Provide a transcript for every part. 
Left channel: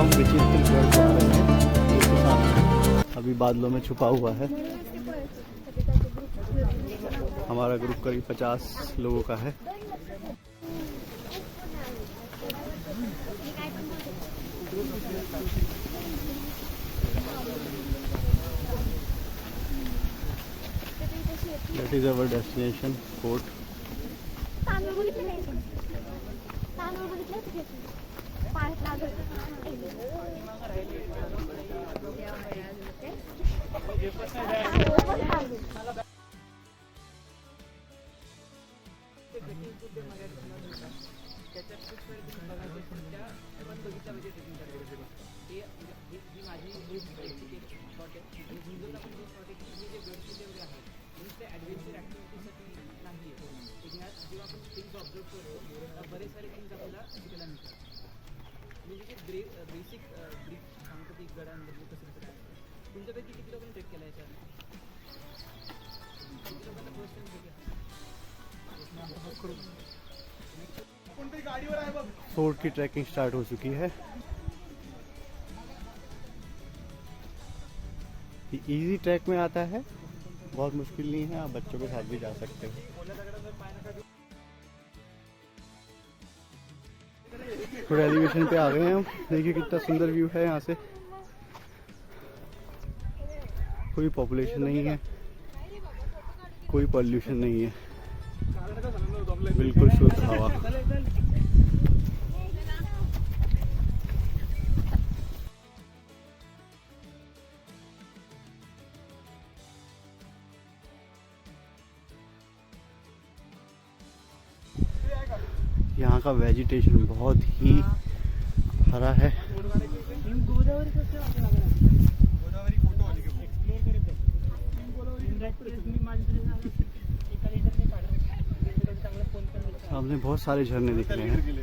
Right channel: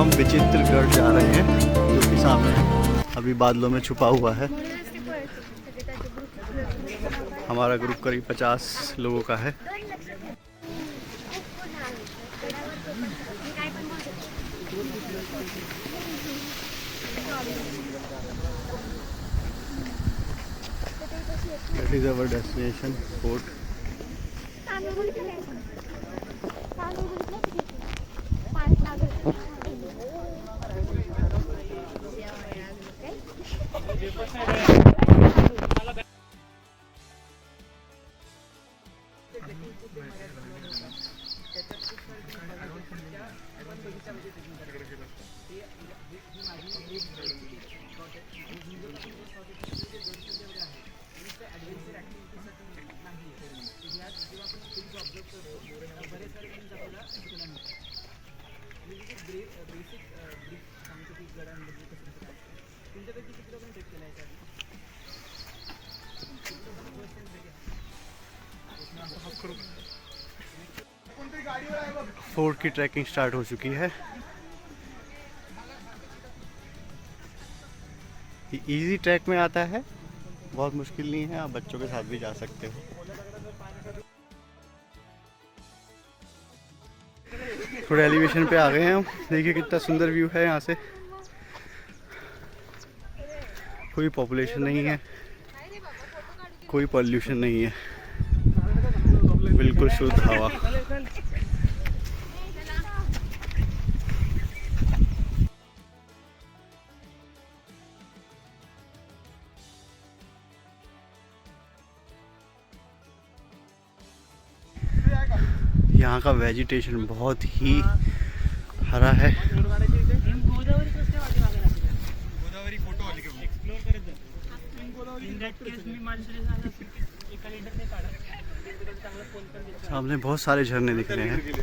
हम विचित्रगढ़ जा रहे हैं, जो कि सामने अभी बादलों में छुपा हुआ है। हमारा ग्रुप करीब 50 लोगों का है। That is our destination, fort. Fort की ट्रैकिंग स्टार्ट हो चुकी है। ये इजी ट्रैक में आता है, बहुत मुश्किल नहीं है, आप बच्चों के साथ भी जा सकते हो। थोड़े एलिवेशन पे आ गए हैं हम। देखिए कितना सुंदर व्यू है यहाँ से। कोई पॉपुलेशन नहीं है, कोई पॉल्यूशन नहीं है, बिल्कुल शुद्ध हवा। यहाँ का वेजिटेशन बहुत ही हरा है। सामने बहुत सारे झरने दिख रहे हैं।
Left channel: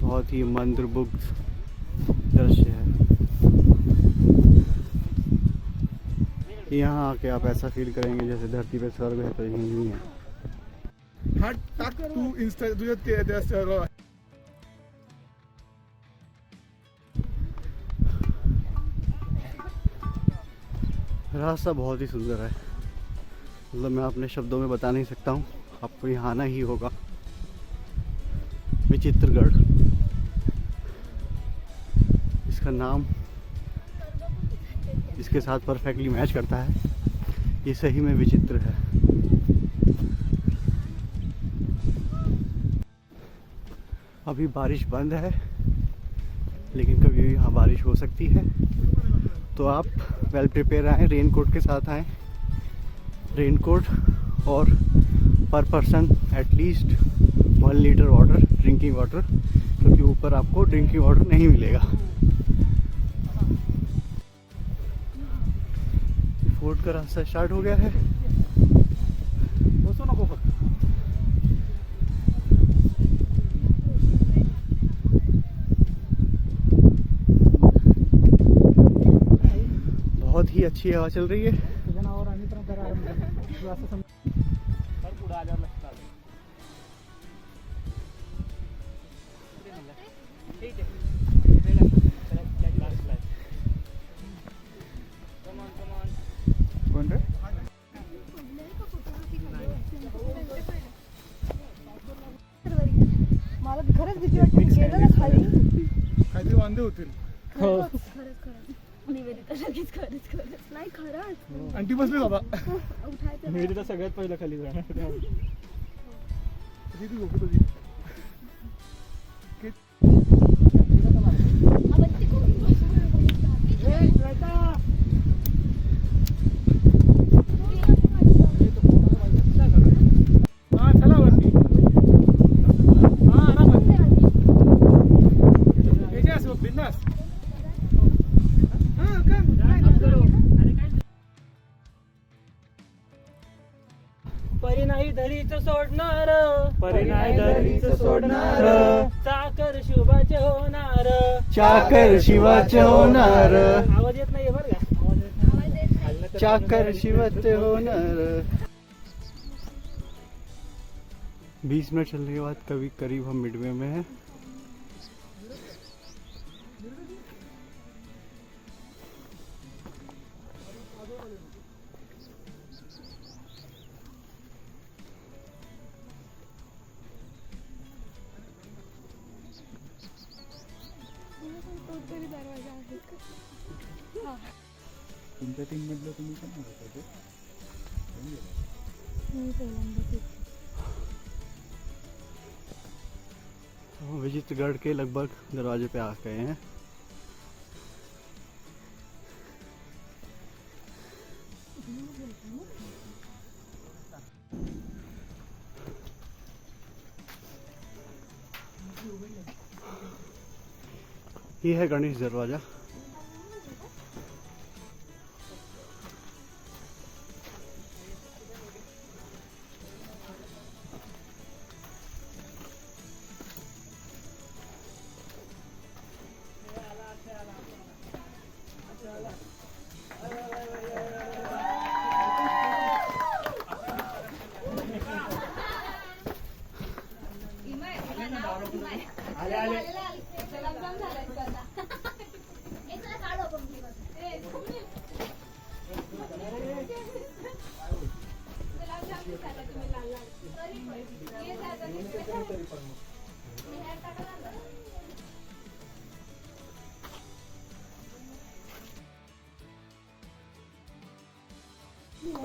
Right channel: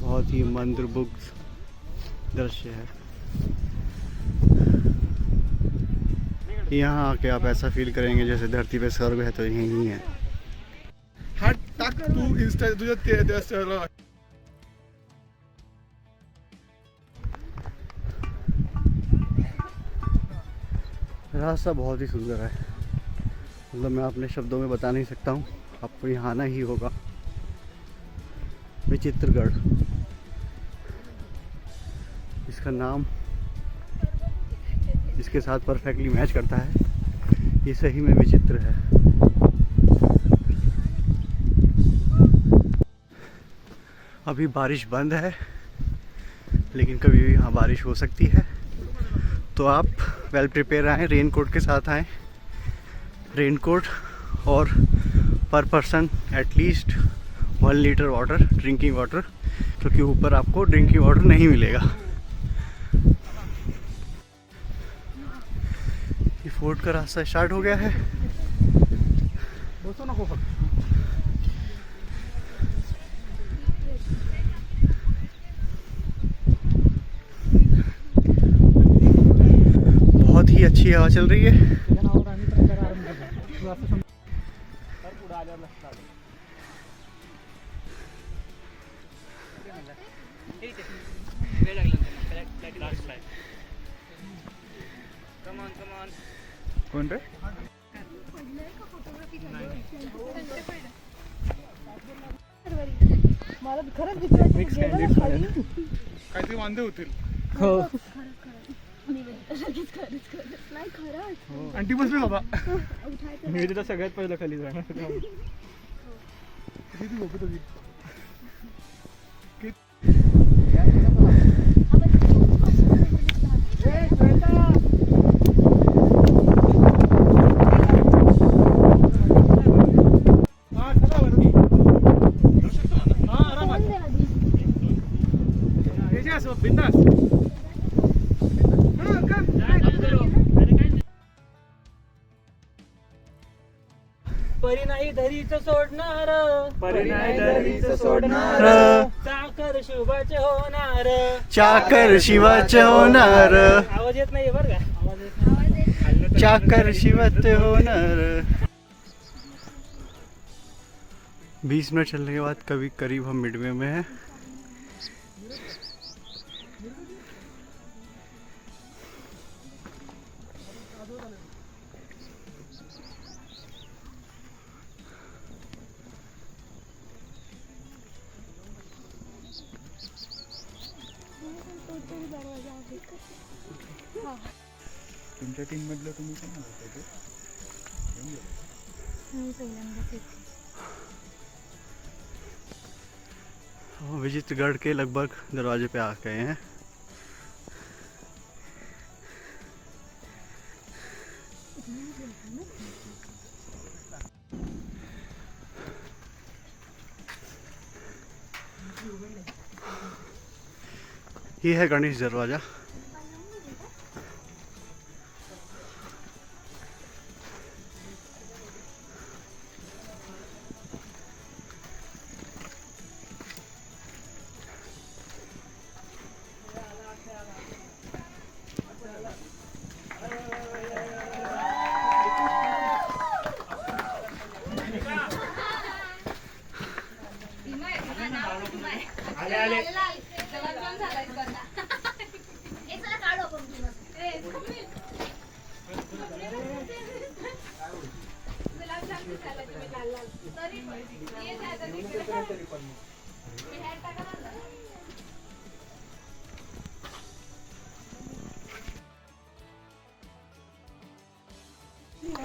बहुत ही मंत्रमुग्ध दृश्य है। यहाँ आके आप ऐसा फील करेंगे जैसे धरती पे स्वर्ग है तो यही है। रास्ता बहुत ही सुंदर है, मतलब मैं अपने शब्दों में बता नहीं सकता हूँ, आपको यहाँ आना ही होगा। विचित्रगढ़ इसका नाम इसके साथ परफेक्टली मैच करता है। ये सही में विचित्र है। अभी बारिश बंद है, लेकिन कभी भी यहाँ बारिश हो सकती है, तो आप वेल प्रिपेयर आएँ, रेनकोट के साथ आएँ। रेनकोट और पर person at least 1 litre water, drinking water, क्योंकि ऊपर आपको ड्रिंकिंग वाटर नहीं मिलेगा। ये फोर्ट का रास्ता स्टार्ट हो गया है। बहुत ही अच्छी हवा चल रही है। कौन रे? मला खरंच भीती वाटते, गेलं ना खाली काहीतरी वांदे होतील. हो निवेदिता लगेच खरंच नाही खरंच आंटी बसली बाबा. निवेदिता सगळ्यात पहिलं खाली जाणार. किती लोक तुम्ही? परी नाही धरीच सोडणार, परी नाही धरीच सोडणार, चाकर शुभाचे होणार. चाकर शिवाचे होणार, आवाज येत नाहीये बरं का, आवाज येत नाही. चाकर शिवाचे होणार. 20 मिनट चलने के बाद कभी करीब हम मिडवे में हैं. तुमच्या टीम मधलं तुम्ही पण होता ते? हम विजितगढ़ के लगभग दरवाजे पे आ गए हैं. ये है गणेश दरवाजा.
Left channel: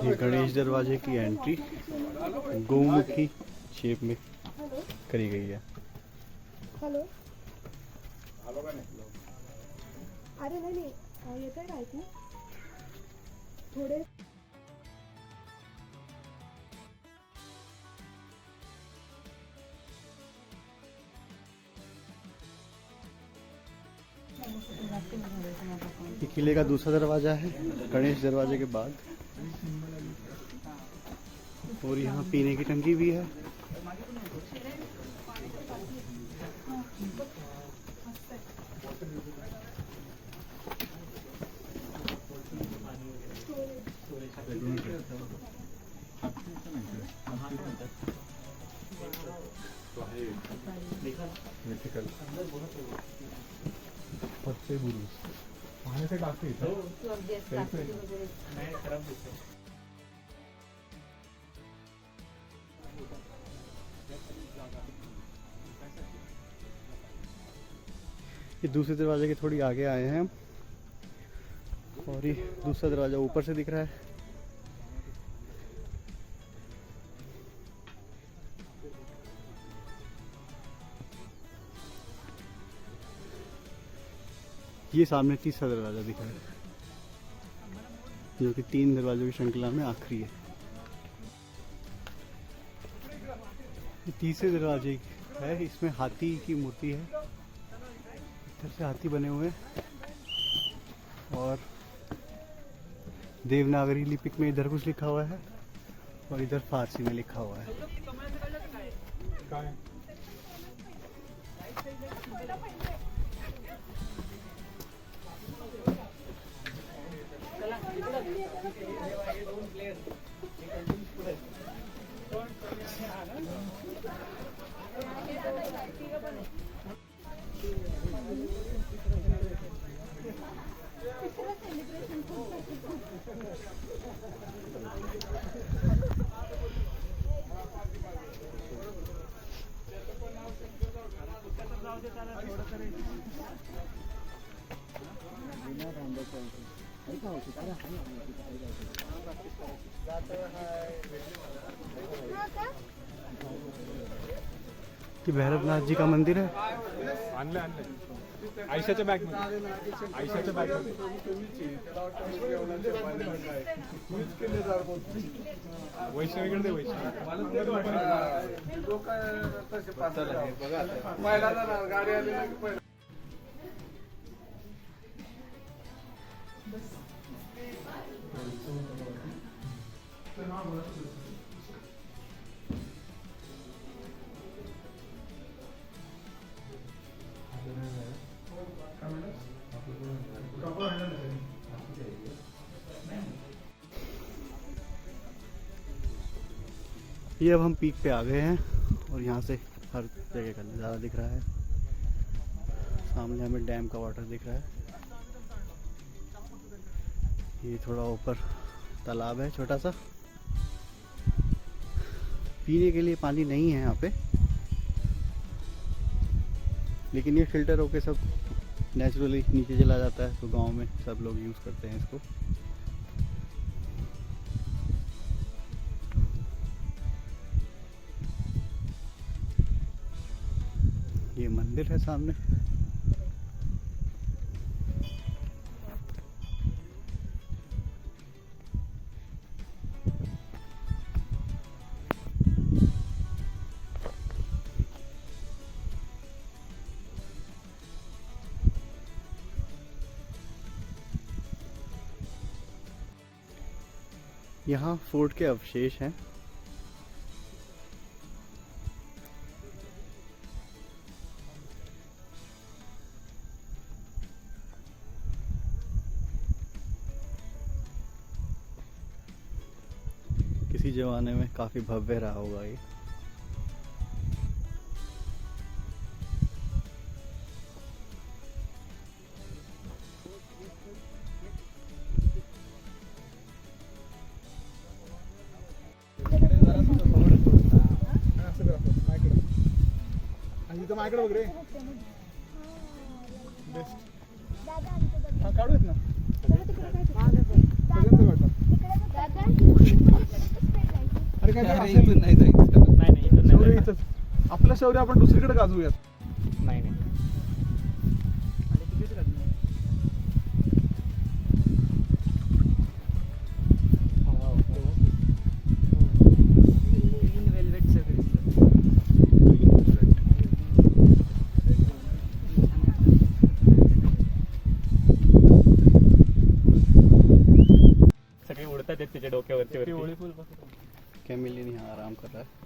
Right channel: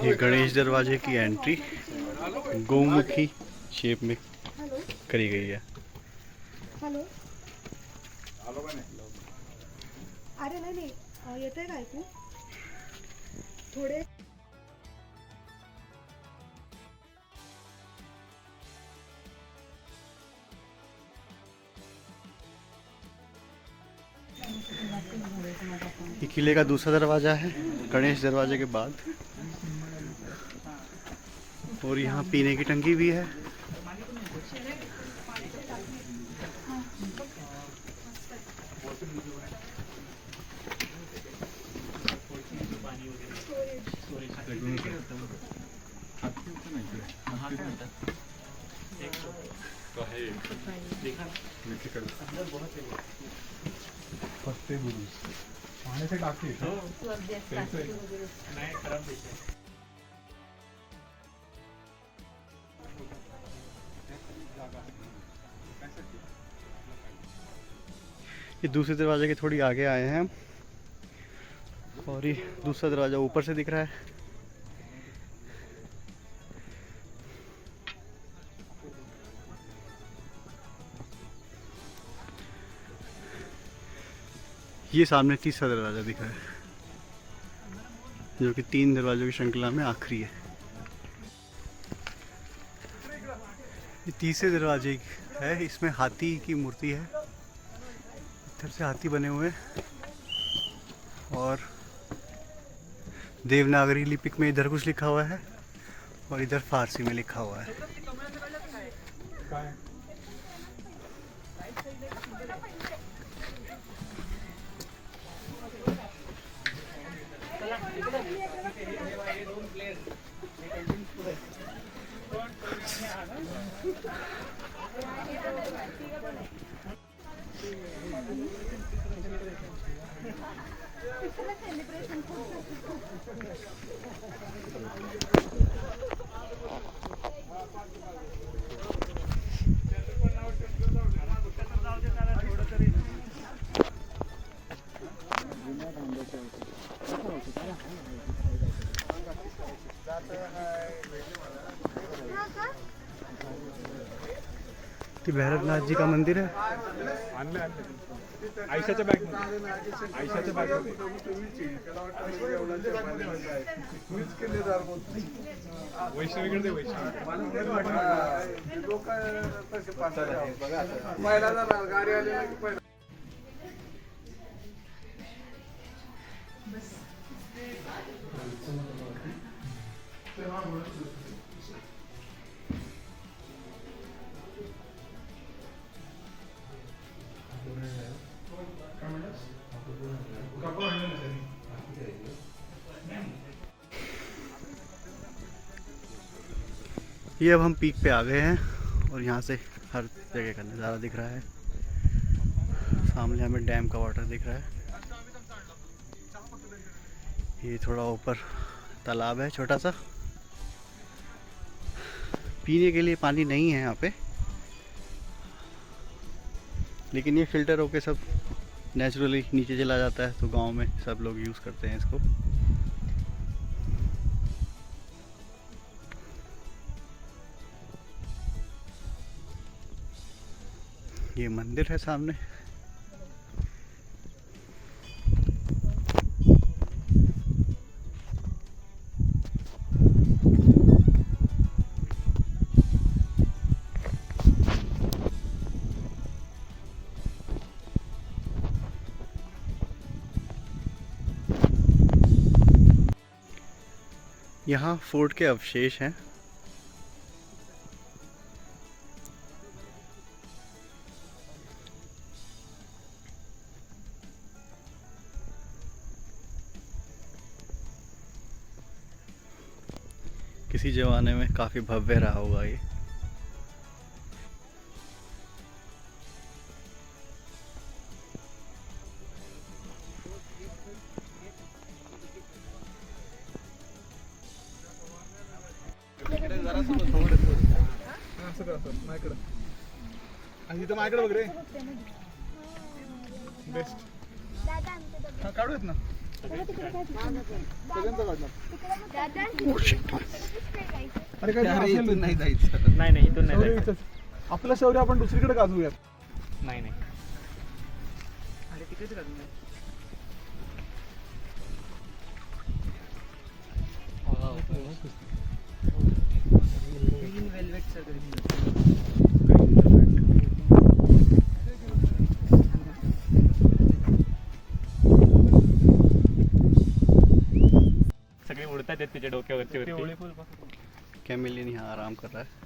ये गणेश दरवाजे की एंट्री गौमुखी शेप में करी गई है. हॅलो. अरे नाही येत आहे का ऐकू थोडे. ये किले का दूसरा दरवाजा है गणेश दरवाजे के बाद. और यहाँ पीने की टंकी भी है. पाण्याचे टाकी ये दूसरे दरवाजे के थोड़ी आगे आए हैं हम. और ये दूसरा दरवाजा ऊपर से दिख रहा है. ये सामने तीसरा दरवाजा दिख रहा है जो कि 3 दरवाजों की श्रृंखला में आखिरी है. ये तीसरे दरवाजे है. इसमें हाथी की मूर्ति है. इधर से हाथी बने हुए हैं और देवनागरी लिपिक में इधर कुछ लिखा हुआ है और इधर फारसी में लिखा हुआ है. ते भैरवनाथ जी का मंदिर है. आणलं आयशाच्या बॅग आयशाच्या बॅग वैष्णवीकडे दे. वैष्णवी ये अब हम पीक पे आ गए हैं और यहाँ से हर जगह का नज़ारा दिख रहा है। सामने हमें डैम का वाटर दिख रहा है। ये थोड़ा ऊपर तालाब है छोटा सा। पीने के लिए पानी नहीं है यहाँ पे, लेकिन ये फिल्टर होके सब नेचुरली नीचे चला जाता है, तो गांव में सब लोग यूज़ करते हैं इसको। ये मंदिर है सामने। यहाँ फोर्ट के अवशेष हैं। किसी ज़माने में काफ़ी भव्य रहा होगा ये। आणि माझ्याकडे बघ रे बेस्ट. हा काढूयात ना अरे काय नाही नाही इथून नाही शौर्य इथंच. आपलं शौर्य आपण दुसरीकडे गाजवूयात. नाही नाही सगळे उडतात आहेत त्याच्या डोक्यावरती वरती. कैमिलियन यहाँ आराम कर रहा है।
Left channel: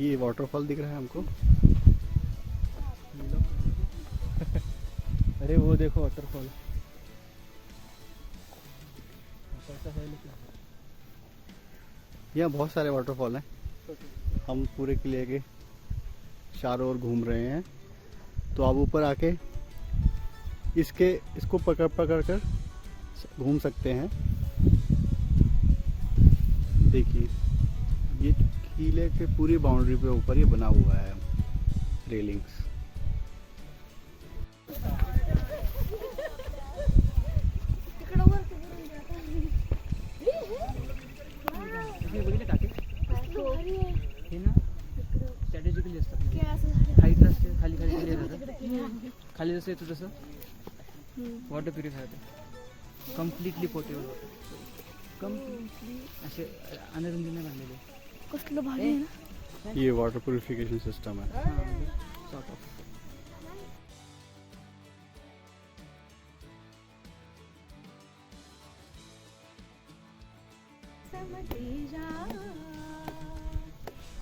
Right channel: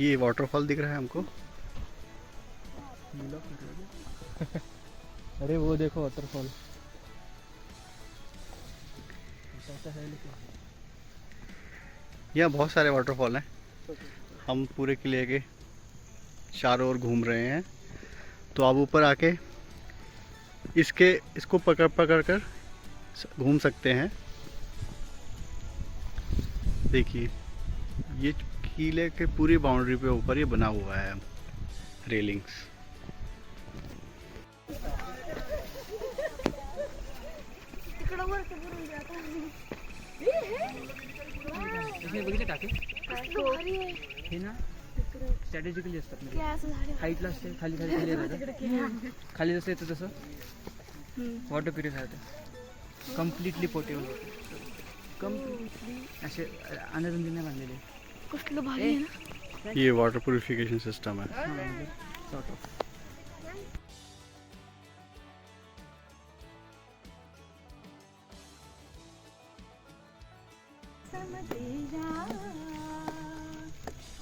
ये वाटरफॉल दिख रहा है हमको। अरे वो देखो वाटरफॉल यहाँ बहुत सारे वाटरफॉल हैं। हम पूरे किले के चारों ओर घूम रहे हैं, तो आप ऊपर आके इसको पकड़ पकड़ कर घूम सकते हैं। देखिए ये किले के पूरी बाउंड्री पे ऊपर ये बना हुआ है रेलिंग्स। बघितलं टाके हे ना स्ट्रॅटेजिकली असतात. हाईटला असते, खाली खाली खाली येतात. खाली जसं येतं तसं वॉटर प्युरिफायर होतं. कम्प्लिटली पोर्टेबल होतं. कम्प्लिटली असे अनरुंदीने बांधलेले. कुठलं भारी आहे ना. ये वाटर प्यूरिफिकेशन सिस्टम है। Sort of.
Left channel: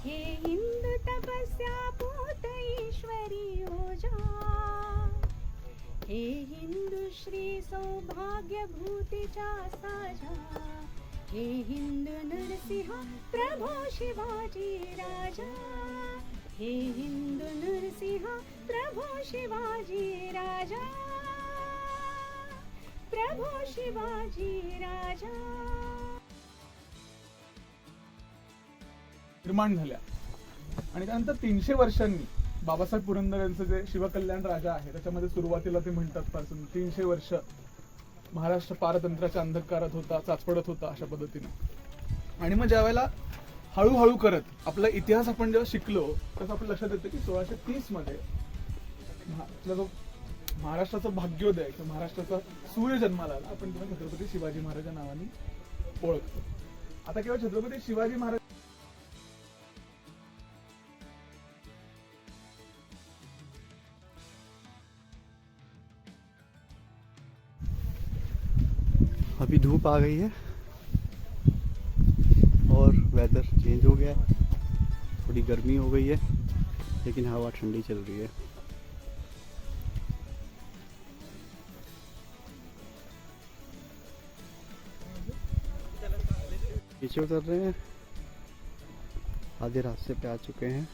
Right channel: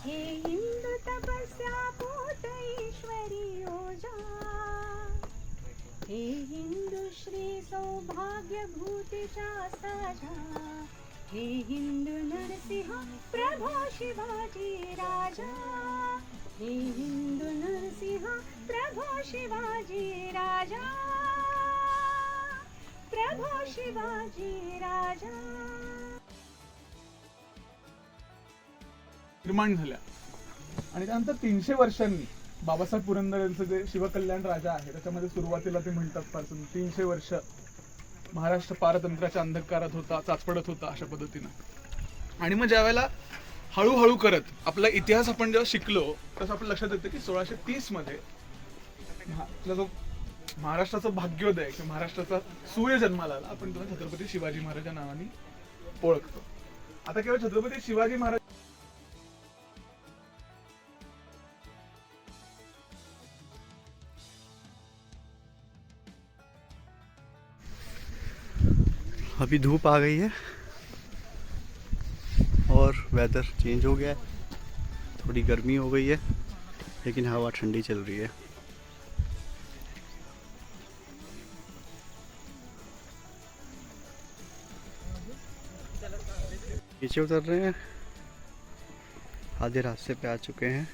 हे इंदु तपस्या पोत ईश्वरी योजा. हे हिंदू श्री सौभाग्य भूतीच्या साजा. हे हिंदू नरसिंह प्रभो शिवाजी राजा. हे हिंदू नरसिंह प्रभो शिवाजी राजा. प्रभो शिवाजी राजा. निर्माण झाल्या आणि त्यानंतर 300 वर्षांनी बाबासाहेब पुरंदर यांचं जे शिवकल्याण राजा आहे त्याच्यामध्ये सुरुवातीला ते म्हणतात पासून 300 वर्ष महाराष्ट्र पारतंत्र्याच्या अंधकारात होता, चाचपडत होता अशा पद्धतीनं. आणि मग ज्या वेळेला हळूहळू करत आपला इतिहास आपण जेव्हा शिकलो तसं आपल्या लक्षात येतं की 1630 मध्ये आपला जो महाराष्ट्राचा भाग्योदय किंवा महाराष्ट्राचा सूर्य जन्माला आला, आपण तेव्हा छत्रपती शिवाजी महाराजांच्या नावाने ओळखतो. आता केवळ छत्रपती शिवाजी महाराज अभी धूप आ गई है और वेदर चेंज हो गया है, थोड़ी गर्मी हो गई है लेकिन हवा ठंडी चल रही है. नीचे उतर रहे हैं, आधे रास्ते पे आ चुके हैं.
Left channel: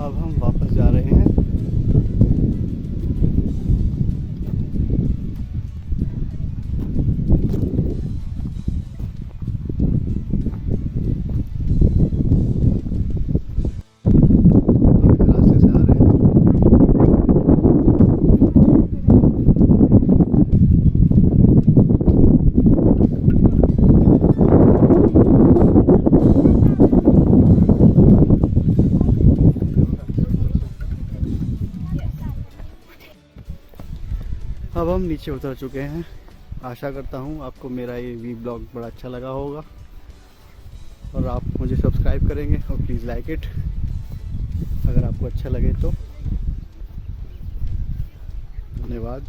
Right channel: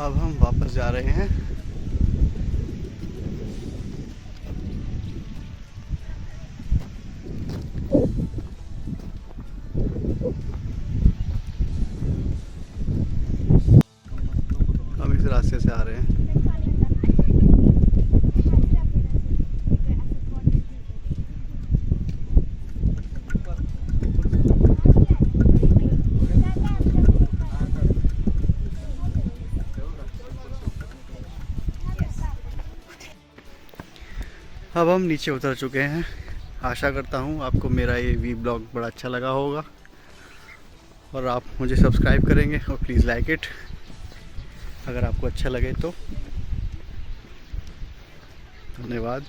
अब हम वापस जा रहे हैं. हम इस रास्ते से आ रहे हैं. अब हम नीचे उतर चुके हैं. आशा करता हूँ आपको मेरा ये वी ब्लॉग बड़ा अच्छा लगा होगा और आप मुझे सब्सक्राइब करेंगे और प्लीज़ लाइक इट अगर आपको अच्छा लगे तो. धन्यवाद.